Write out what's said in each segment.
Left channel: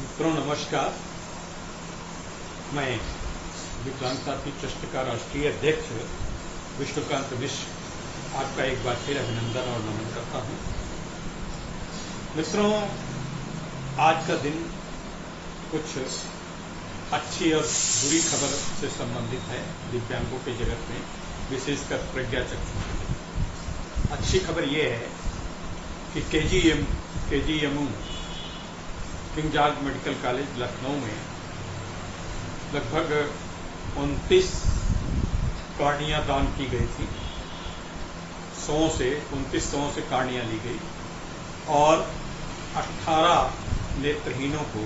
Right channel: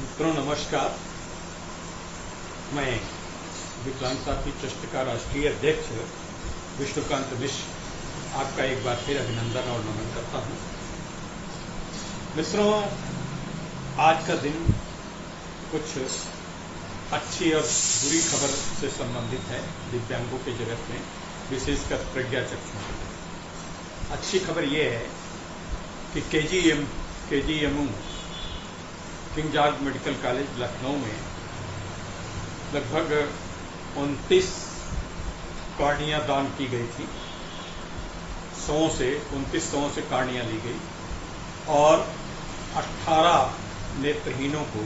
मित्रों नमस्कार। मैं विकलांग साथी ट्रस्ट का राष्ट्रीय अध्यक्ष विष्णुकांत मिश्र आपका एक बार फिर अभिनंदन और नमन करता हूं। मित्रों, आज का दिन कुछ अच्छी और बुरी खबर से संबंधित है दिव्यांगों के जगत में, विशेषकर प्रज्ञाचक्षुओं के जगत। अच्छी खबर यह है कि KGMU king George medical college Lucknow में लगभग 29 कार्डियां दान की गई थी। 29 से कार्डियां ली गई और 18 नेत्रहीनों को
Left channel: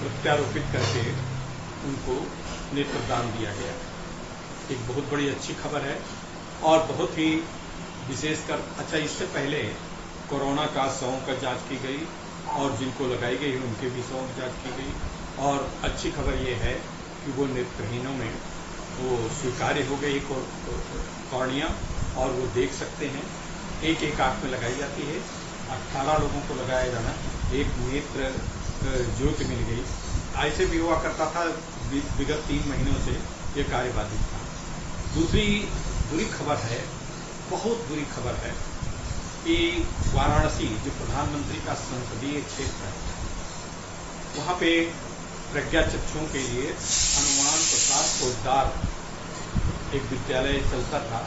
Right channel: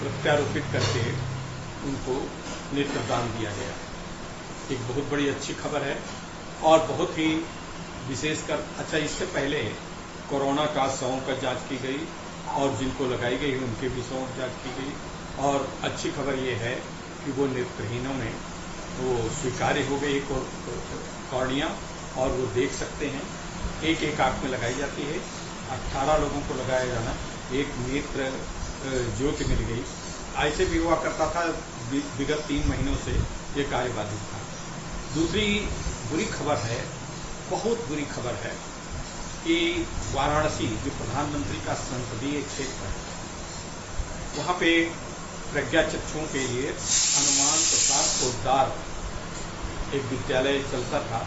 प्रत्यारोपित करके उनको नेत्रदान दिया गया। एक बहुत बड़ी अच्छी खबर है और बहुत ही विशेषकर इससे पहले कोरोना का 100 का जांच की गई और जिनको लगाई गई उनके भी 100 जांच की गई। और अच्छी खबर ये है कि वो नेत्रहीनों में वो स्वीकार्य हो गई कॉर्निया और वो देख सकते हैं। एक आंख में लगाई जाती है, 18 लोगों को लगाया जाना, एक नेत्र ज्योति मिल गई। ऐसे भी हुआ करता था, विगत 3 महीनों से ये कार्य बाधित था। दूसरी बुरी खबर है, बहुत बुरी खबर है कि वाराणसी जो प्रधानमंत्री का संसदीय क्षेत्र है, वहां पे प्रज्ञाचक्षुओं के लिए हनुमान प्रसाद पोद्दार एक विद्यालय चलता था।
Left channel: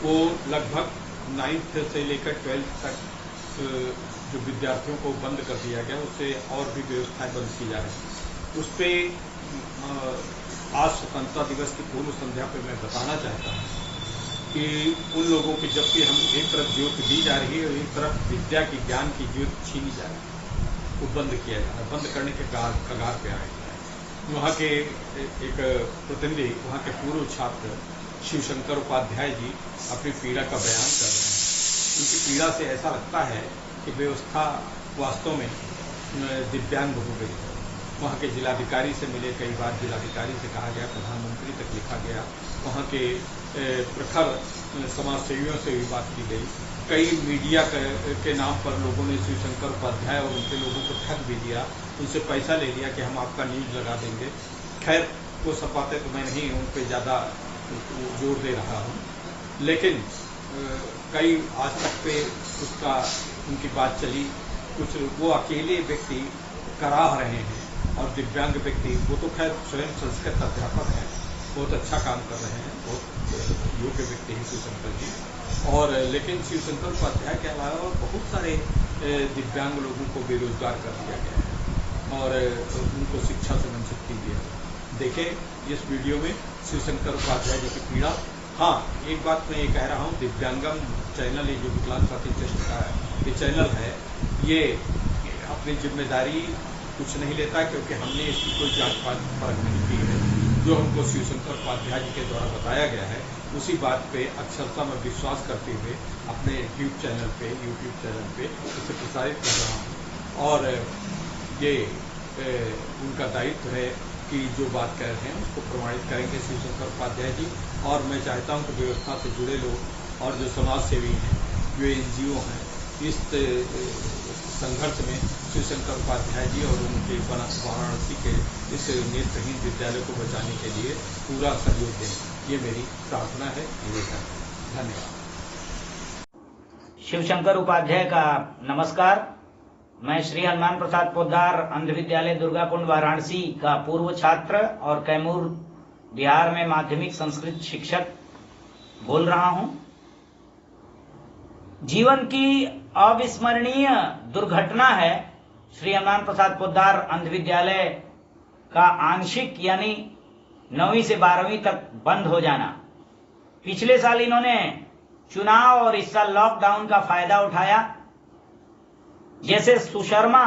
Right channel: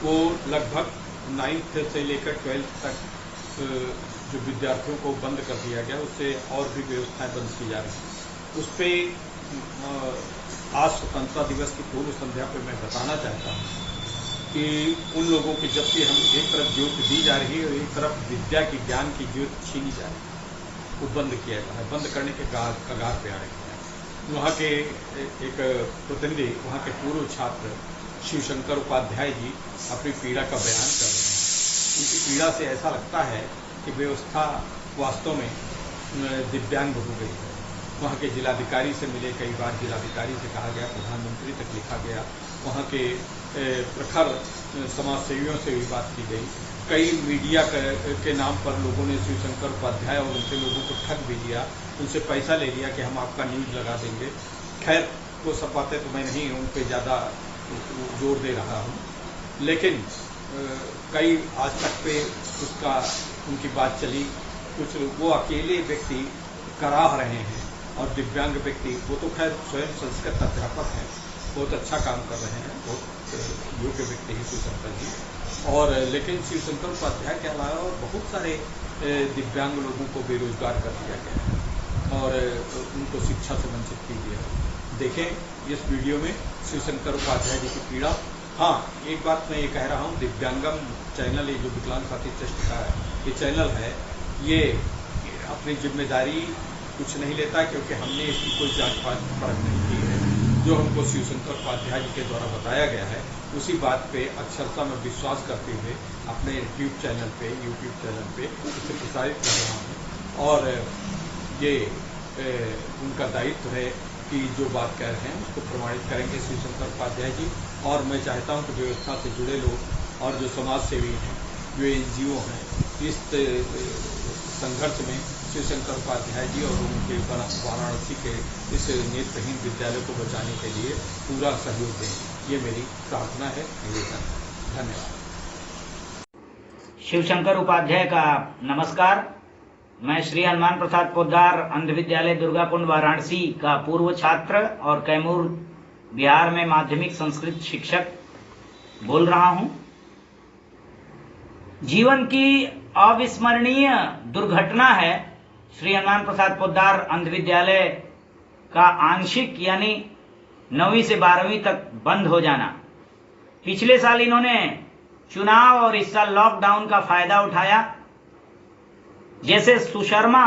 वो लगभग 9th से लेकर 12th तक जो विद्यार्थियों को बंद कर दिया गया, उससे और भी व्यवस्थाएं बंद की जा रही। उस पे आज स्वतंत्रता दिवस की पूर्व संध्या पे मैं बताना चाहता हूं कि उन लोगों की, जबकि हम एक तरफ ज्योति दी जा रही है और एक तरफ विद्या की, ज्ञान की ज्योति छीनी जा रही है, वो बंद किया जा रहा है, बंद करने के कगार पे आ रहे हैं। वहाँ के एक प्रतिनिधि, वहाँ के पूर्व छात्र शिवशंकर उपाध्याय जी अपनी पीड़ा का बयान कर रहे हैं। उनकी पीड़ा से ऐसा लगता है कि व्यवस्था वास्तव में दिव्यांग हो गई है। वहाँ के जिलाधिकारी से मिले, कई बार जिलाधिकारी से कहा गया, प्रधानमंत्री तक लिखा गया, वहाँ के प्रखर समाज सेवियों से भी बात की गई। कई मीडिया के नाम पर लोगों ने शिवशंकर उपाध्याय और उनके लोगों को ठग भी दिया, उनसे पैसा ले लिया कि हम आपका न्यूज लगा देंगे। खैर, वो सब बातें तो मैं नहीं उन पर ज़्यादा जोर दे रहा हूँ, लेकिन कई आज तक पे उनकी बात चली। कुछ वो अकेले व्यक्ति कराह रहे हैं और दिव्यांग व्यक्ति, वो तो खैर स्वयं संस्कृत अध्यापक हैं, बहुत अच्छा काम कर रहे हैं, बहुत योग्य व्यक्ति हैं शिवशंकर जी। और लेकिन शिवशंकर उपाध्याय के अलावा और बहुत सारे दिव्यांग लोगों को बेरोजगार कर दिया गया है और उनको शिक्षा से वंचित कर दिया। देखें इस वीडियो में शिवशंकर उपाध्याय जी की पीड़ा। हाँ, एक बात मैं ये कह रहा हूँ, दिव्यांगम चैनल, ये जो विकलांग साथी ट्रस्ट का ये चैनल है, ये अपनी जिम्मेदारी कुछ नहीं लेता, क्योंकि हमने इसकी कोई जांच परख नहीं की है। जो हमको शिवशंकर उपाध्याय जी के द्वारा बताया गया है, उसी बात पे अक्षरशः मैं विश्वास करते हुए अपने यूट्यूब चैनल पे इसे प्रसारित कर रहा हूँ। और ये उनका दायित्व है कि जो बात कह रहे हैं उसको प्रमाणित करेंगे शिवशंकर उपाध्याय जी। और मैं चाहता हूँ कि व्यवस्था से जुड़े लोग और जो समाज सेवी हैं, जो NGO हैं, इस संघर्ष में शिवशंकर उपाध्याय जी और उनके वाराणसी के इस नेत्रहीन विद्यालय को बचाने के लिए पूरा सहयोग दें। ये मेरी प्रार्थना है, निवेदन है। धन्यवाद। शिवशंकर उपाध्याय का नमस्कार। मैं श्री हनुमान प्रसाद पोद्दार अंध विद्यालय दुर्गाकुंड वाराणसी का पूर्व छात्र और कैमूर बिहार में माध्यमिक संस्कृत शिक्षक बोल रहा हूं। जीवन की अविस्मरणीय दुर्घटना है श्री हनुमान प्रसाद पोद्दार अंध विद्यालय का आंशिक यानी 9वीं से 12वीं तक बंद हो जाना। पिछले साल इन्होंने चुनाव और इस साल लॉकडाउन का फायदा उठाया। जैसे सुशर्मा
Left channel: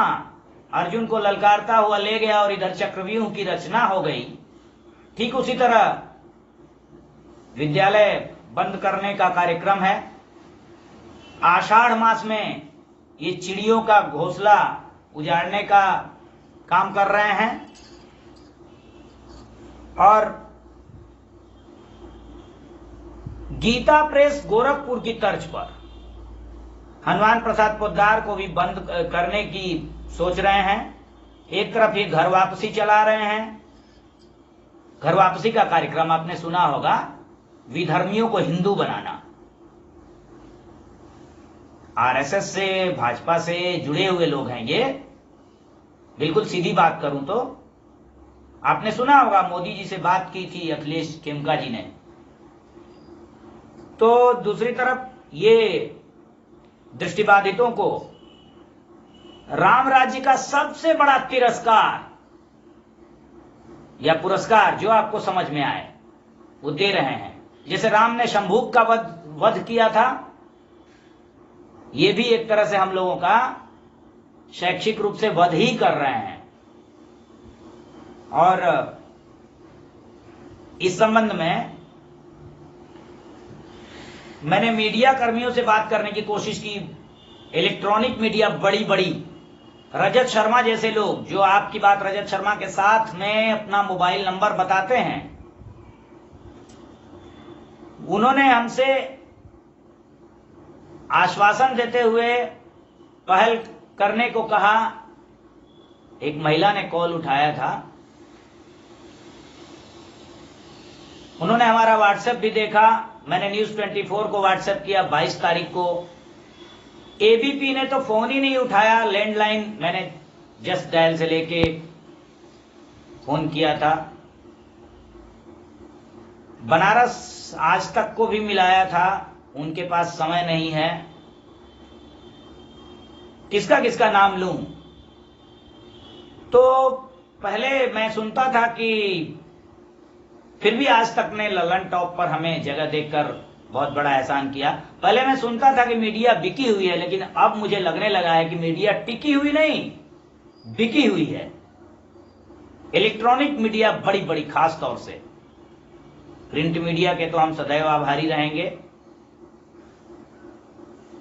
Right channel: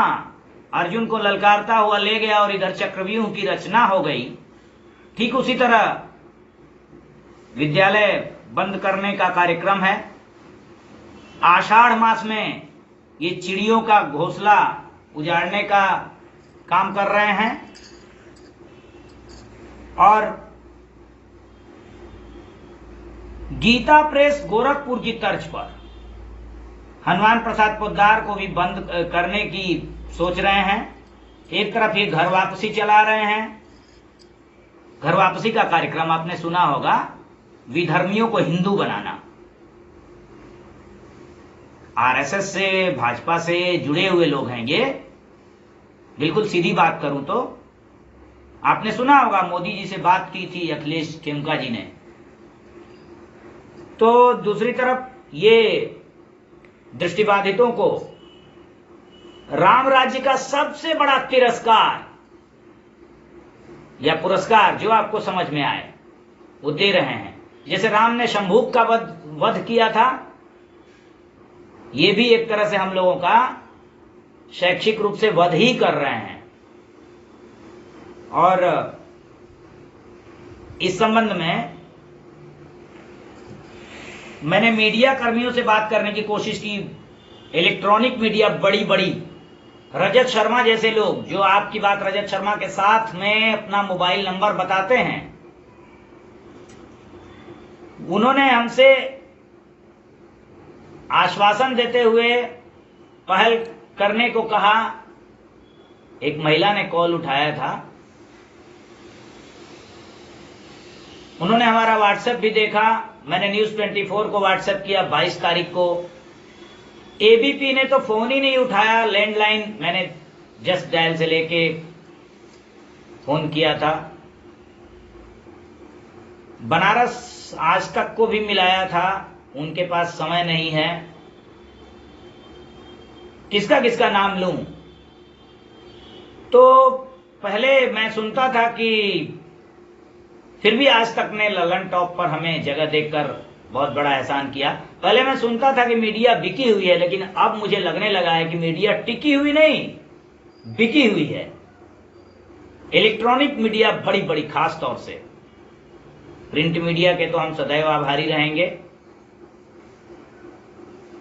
अर्जुन को ललकारता हुआ ले गया और इधर चक्रव्यूह की रचना हो गई, ठीक उसी तरह विद्यालय बंद करने का कार्यक्रम है। आषाढ़ मास में ये चिड़ियों का घोंसला उजाड़ने का काम कर रहे हैं और गीता प्रेस गोरखपुर की तर्ज पर हनुमान प्रसाद पोद्दार को भी बंद करने की सोच रहे हैं। एक तरफ ये घर वापसी चला रहे हैं। घर वापसी का कार्यक्रम आपने सुना होगा, विधर्मियों को हिंदू बनाना। आरएसएस से, भाजपा से जुड़े हुए लोग हैं ये। बिल्कुल सीधी बात करूं तो आपने सुना होगा, मोदी जी से बात की थी अखिलेश खेमका जी ने। तो दूसरी तरफ ये दृष्टिबाधितों को राम राज्य का सबसे बड़ा तिरस्कार या पुरस्कार, जो आपको समझ में आए, वो दे रहे हैं। जैसे राम ने शंभूक का वध किया था, ये भी एक तरह से हम लोगों का शैक्षिक रूप से वध ही कर रहे हैं। और इस संबंध में मैंने मीडिया कर्मियों से बात करने की कोशिश की। इलेक्ट्रॉनिक मीडिया बड़ी बड़ी, रजत शर्मा जैसे लोग, जो आपकी बात रजत शर्मा के साथ में अपना मोबाइल नंबर बताते हैं, उन्होंने हमसे आश्वासन देते हुए पहल करने को कहा। एक महिला ने कॉल उठाया था, उन्होंने हमारा व्हाट्सएप भी देखा। मैंने न्यूज 24 को व्हाट्सएप किया 22 तारीख को। एबीपी ने तो फोन ही नहीं उठाया, लैंडलाइन मैंने जस्ट डायल से लेके फोन किया था। बनारस आज तक को भी मिलाया था, उनके पास समय नहीं है। किसका किसका नाम लूं? तो पहले मैं सुनता था कि, फिर भी आज तक ने ललन टॉप पर हमें जगह देकर बहुत बड़ा एहसान किया। पहले मैं सुनता था कि मीडिया बिकी हुई है, लेकिन अब मुझे लगने लगा है कि मीडिया टिकी हुई नहीं, बिकी हुई है। इलेक्ट्रॉनिक मीडिया बड़ी बड़ी, खास तौर से प्रिंट मीडिया के तो हम सदैव आभारी रहेंगे।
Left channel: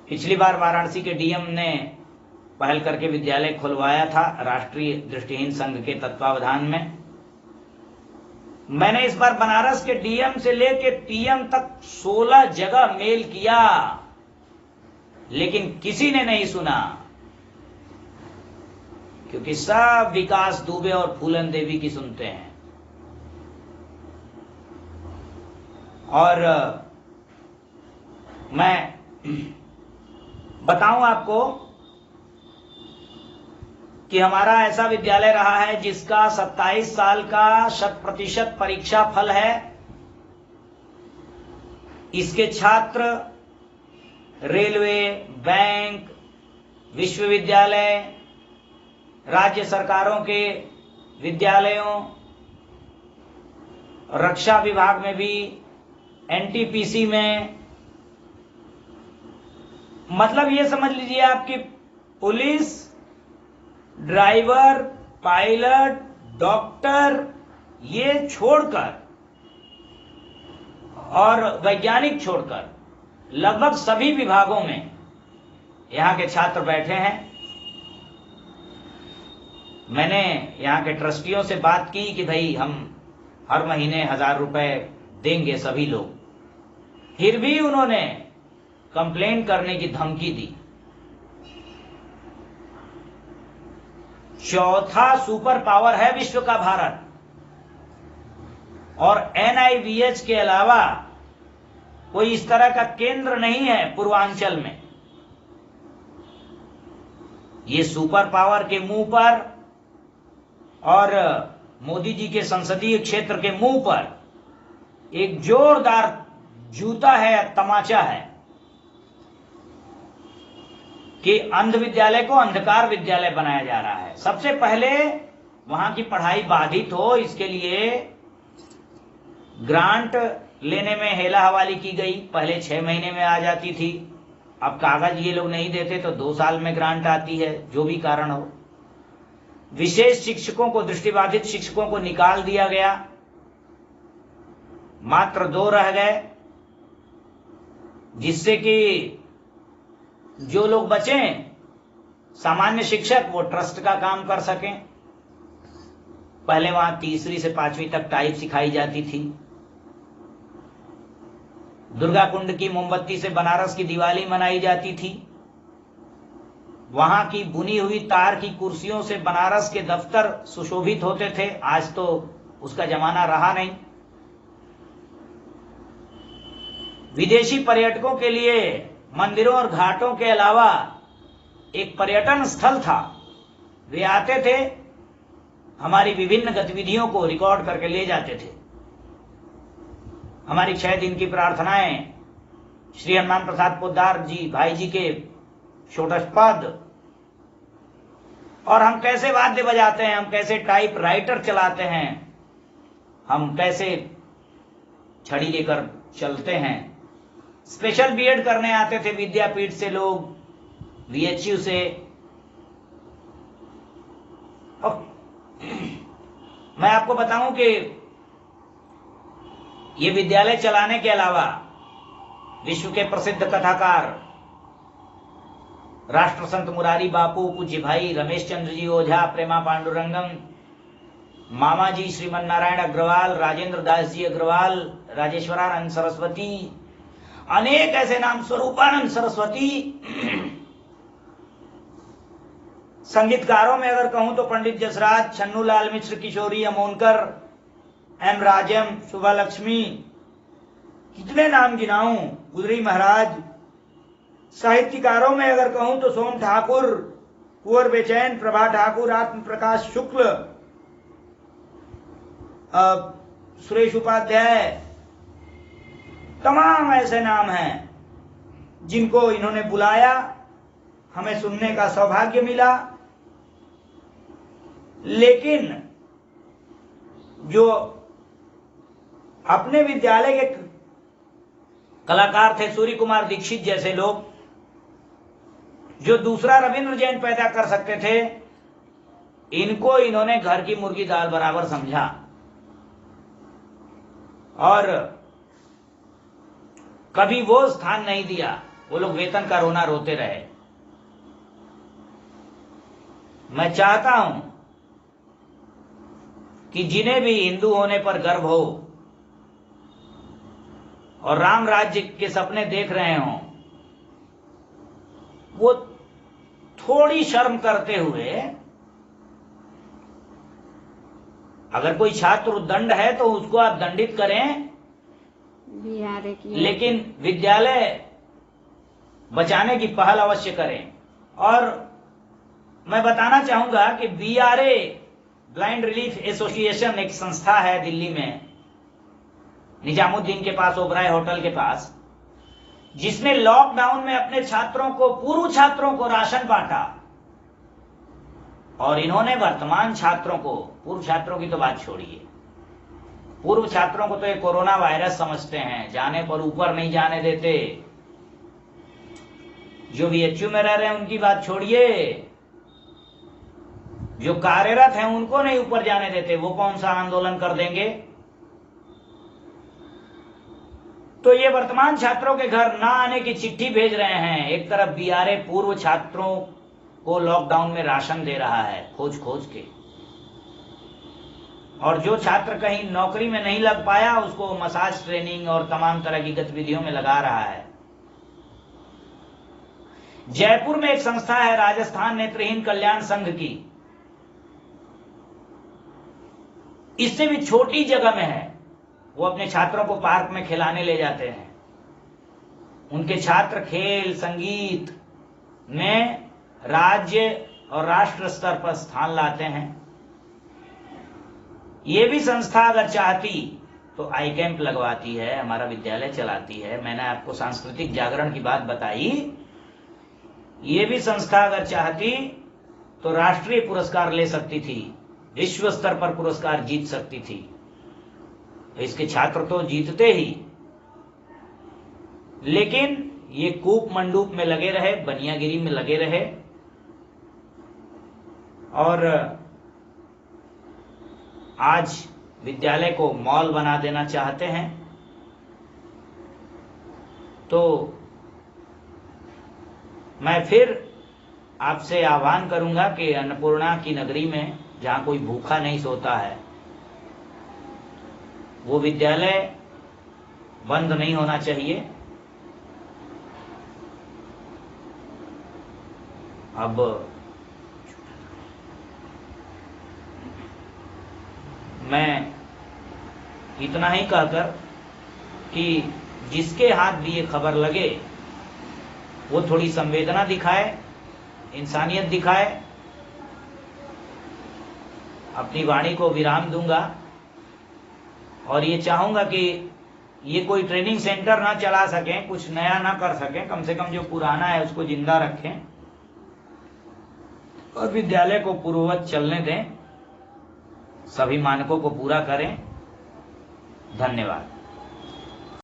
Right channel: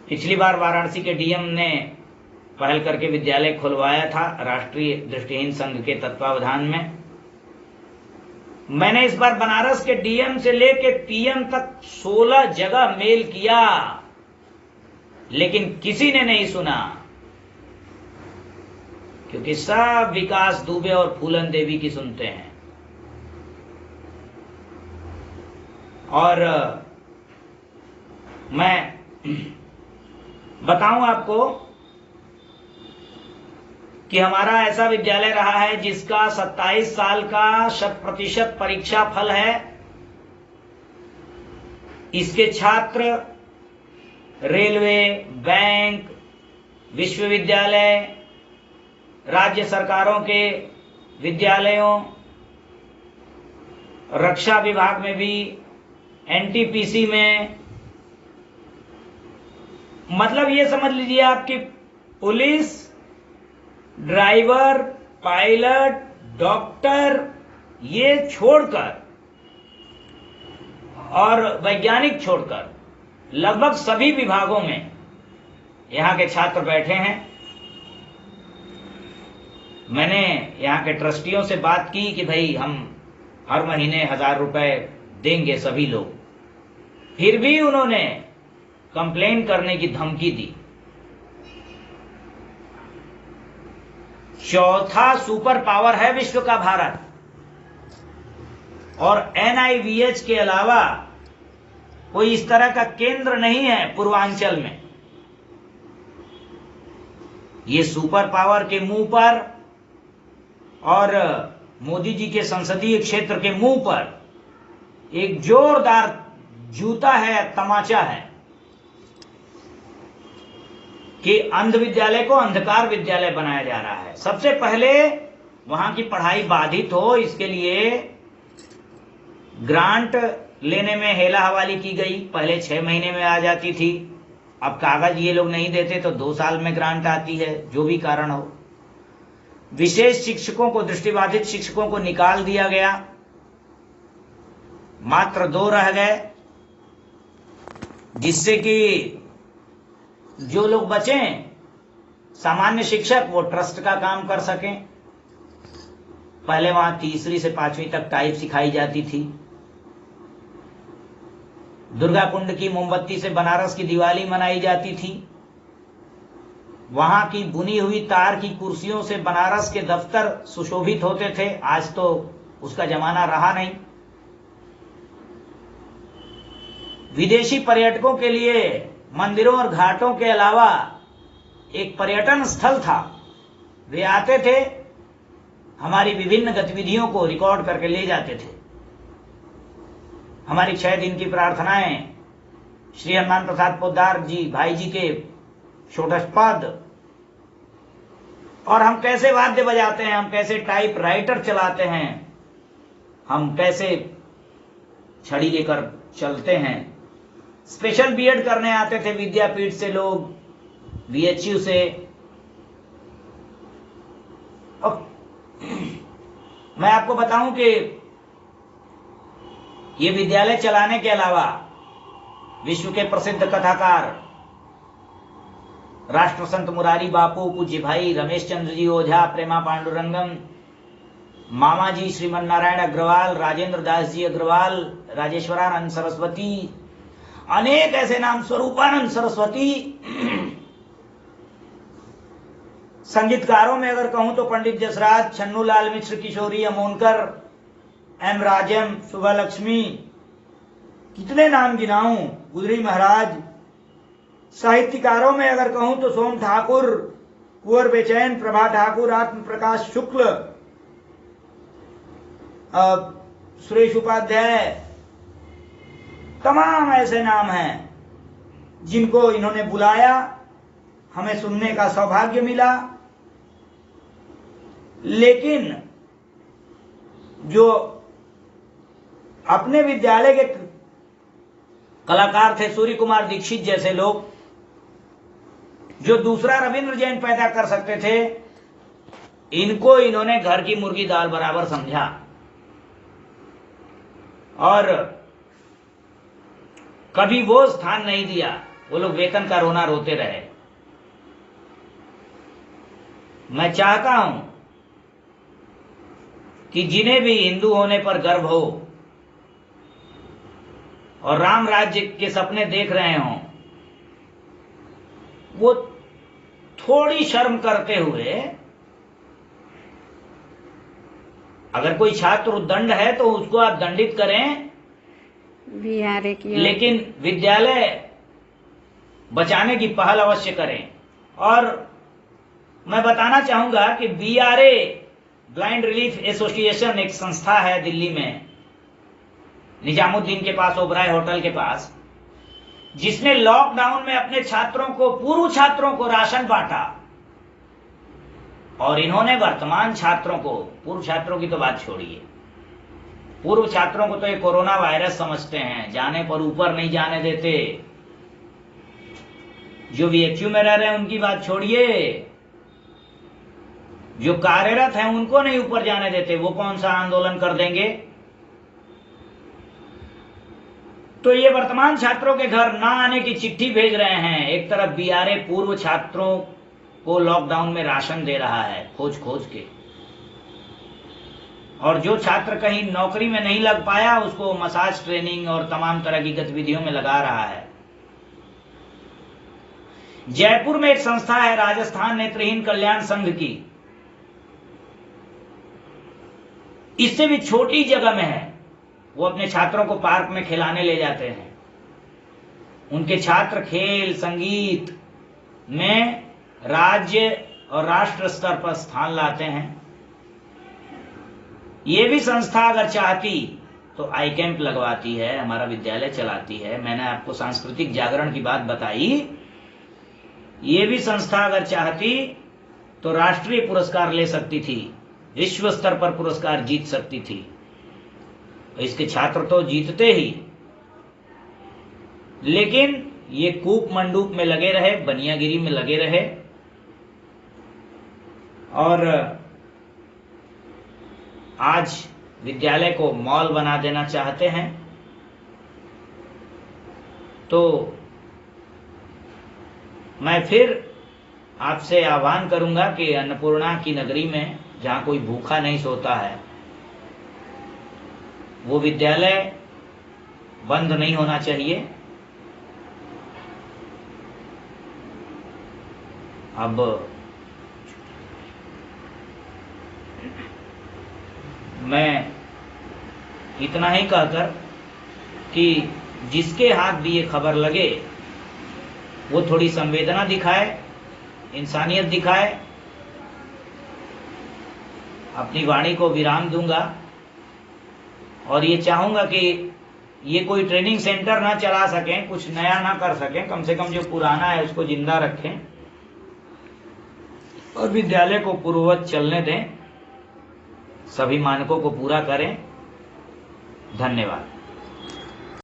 पिछली बार वाराणसी के डीएम ने पहल करके विद्यालय खुलवाया था, राष्ट्रीय दृष्टिहीन संघ के तत्वावधान में। मैंने इस बार बनारस के डीएम से लेके पीएम तक 16 जगह मेल किया, लेकिन किसी ने नहीं सुना, क्योंकि सब विकास दुबे और फूलन देवी की सुनते हैं। और मैं बताऊं आपको कि हमारा ऐसा विद्यालय रहा है जिसका 27 साल का 100% परीक्षा फल है। इसके छात्र रेलवे, बैंक, विश्वविद्यालय, राज्य सरकारों के विद्यालयों, रक्षा विभाग में भी, एनटीपीसी में, मतलब ये समझ लीजिए आपकी पुलिस, ड्राइवर, पायलट, डॉक्टर, ये छोड़कर और वैज्ञानिक छोड़कर लगभग सभी विभागों में यहां के छात्र बैठे हैं। मैंने यहां के ट्रस्टियों से बात की कि भाई हम हर महीने 1000 रुपए देंगे सभी लोग, फिर भी उन्होंने कंप्लेन करने की धमकी दी। चौथा सुपर पावर है विश्व का भारत, और एनआईवीएच के अलावा कोई इस तरह का केंद्र नहीं है पूर्वांचल में। ये सुपर पावर के मुंह पर और मोदी जी के संसदीय क्षेत्र के मुंह पर एक जोरदार जूता है, तमाचा है कि अंध विद्यालय को अंधकार विद्यालय बनाया जा रहा है। सबसे पहले वहां की पढ़ाई बाधित हो, इसके लिए ग्रांट लेने में हेला हवाली की गई। पहले 6 महीने में आ जाती थी, अब कागज ये लोग नहीं देते तो 2 साल में ग्रांट आती है, जो भी कारण हो। विशेष शिक्षकों को, दृष्टिबाधित शिक्षकों को निकाल दिया गया, मात्र 2 रह गए, जिससे कि जो लोग बचे सामान्य शिक्षक वो ट्रस्ट का काम कर सकें। पहले वहां 3री से 5वीं तक टाइप सिखाई जाती थी। दुर्गा कुंड की मोमबत्ती से बनारस की दिवाली मनाई जाती थी। वहां की बुनी हुई तार की कुर्सियों से बनारस के दफ्तर सुशोभित होते थे। आज तो उसका जमाना रहा नहीं। विदेशी पर्यटकों के लिए मंदिरों और घाटों के अलावा एक पर्यटन स्थल था। वे आते थे, हमारी विभिन्न गतिविधियों को रिकॉर्ड करके ले जाते थे। हमारी 6 दिन की प्रार्थनाएं श्री हनुमान प्रसाद पोद्दार जी भाई जी के षोडशपद, और हम कैसे वाद्य बजाते हैं, हम कैसे टाइप राइटर चलाते हैं, हम कैसे छड़ी लेकर चलते हैं। स्पेशल बीएड करने आते थे विद्यापीठ से लोग, बीएचयू से। और मैं आपको बताऊं कि ये विद्यालय चलाने के अलावा विश्व के प्रसिद्ध कथाकार राष्ट्र संत मुरारी बापू, पूज्य भाई रमेश चंद्र जी ओझा, प्रेमा पांडुरंगम, मामा जी श्रीमन नारायण अग्रवाल, राजेंद्र दास जी अग्रवाल, राजेश्वरानंद सरस्वती, अनेक ऐसे नाम, स्वरूपानंद सरस्वती। संगीतकारों में अगर कहूं तो पंडित जसराज, छन्नू लाल मिश्र, किशोरी अमोनकर, एम राजम, सुबह लक्ष्मी, कितने नाम गिनाऊं, गुजरी महाराज। साहित्यकारों में अगर कहूं तो सोम ठाकुर, कुंवर बेचैन, प्रभा ठाकुर, आत्म प्रकाश शुक्ल, सुरेश उपाध्याय, तमाम ऐसे नाम हैं जिनको इन्होंने बुलाया, हमें सुनने का सौभाग्य मिला। लेकिन जो अपने विद्यालय के कलाकार थे, सूर्य कुमार दीक्षित जैसे लोग, जो दूसरा रविंद्र जैन पैदा कर सकते थे, इनको इन्होंने घर की मुर्गी दाल बराबर समझा और कभी वो स्थान नहीं दिया। वो लोग वेतन का रोना रोते रहे। मैं चाहता हूं कि जिन्हें भी हिंदू होने पर गर्व हो और राम राज्य के सपने देख रहे हों, वो थोड़ी शर्म करते हुए, अगर कोई छात्र उद्दंड है तो उसको आप दंडित करें, लेकिन विद्यालय बचाने की पहल अवश्य करें। और मैं बताना चाहूंगा कि बीआरए ब्लाइंड रिलीफ एसोसिएशन एक संस्था है दिल्ली में, निजामुद्दीन के पास, ओबराय होटल के पास, जिसने लॉकडाउन में अपने छात्रों को, पूर्व छात्रों को राशन बांटा। और इन्होंने वर्तमान छात्रों को, पूर्व छात्रों की तो बात छोड़िए, पूर्व छात्रों को तो ये कोरोना वायरस समझते हैं, जाने पर ऊपर नहीं जाने देते। जो बीएचयू में रह रहे हैं उनकी बात छोड़िए, जो कार्यरत हैं उनको नहीं ऊपर जाने देते। वो कौन सा आंदोलन कर देंगे? तो ये वर्तमान छात्रों के घर ना आने की चिट्ठी भेज रहे हैं। एक तरफ बीआरए पूर्व छात्रों को लॉकडाउन में राशन दे रहा है खोज खोज के, और जो छात्र कहीं नौकरी में नहीं लग पाया उसको मसाज ट्रेनिंग और तमाम तरह की गतिविधियों में लगा रहा है। जयपुर में एक संस्था है राजस्थान नेत्रहीन कल्याण संघ की, इससे भी छोटी जगह में है। वो अपने छात्रों को पार्क में खिलाने ले जाते हैं। उनके छात्र खेल संगीत में राज्य और राष्ट्र स्तर पर स्थान लाते हैं। ये भी संस्था अगर चाहती तो आई कैंप लगवाती है, हमारा विद्यालय चलाती है। मैंने आपको सांस्कृतिक जागरण की बात बताई। ये भी संस्था अगर चाहती तो राष्ट्रीय पुरस्कार ले सकती थी, विश्व स्तर पर पुरस्कार जीत सकती थी। तो इसके छात्र तो जीतते ही, लेकिन ये कूप मंडूप में लगे रहे, बनियागिरी में लगे रहे, और आज विद्यालय को मॉल बना देना चाहते हैं। तो मैं फिर आपसे आह्वान करूंगा कि अन्नपूर्णा की नगरी में जहां कोई भूखा नहीं सोता है, वो विद्यालय बंद नहीं होना चाहिए। अब मैं इतना ही कहकर कि जिसके हाथ भी ये खबर लगे वो थोड़ी संवेदना दिखाए, इंसानियत दिखाए। अपनी वाणी को विराम दूंगा और ये चाहूंगा कि ये कोई ट्रेनिंग सेंटर ना चला सकें, कुछ नया ना कर सकें, कम से कम जो पुराना है उसको जिंदा रखें और विद्यालय को पूर्ववत चलने दें, सभी मानकों को पूरा करें। धन्यवाद।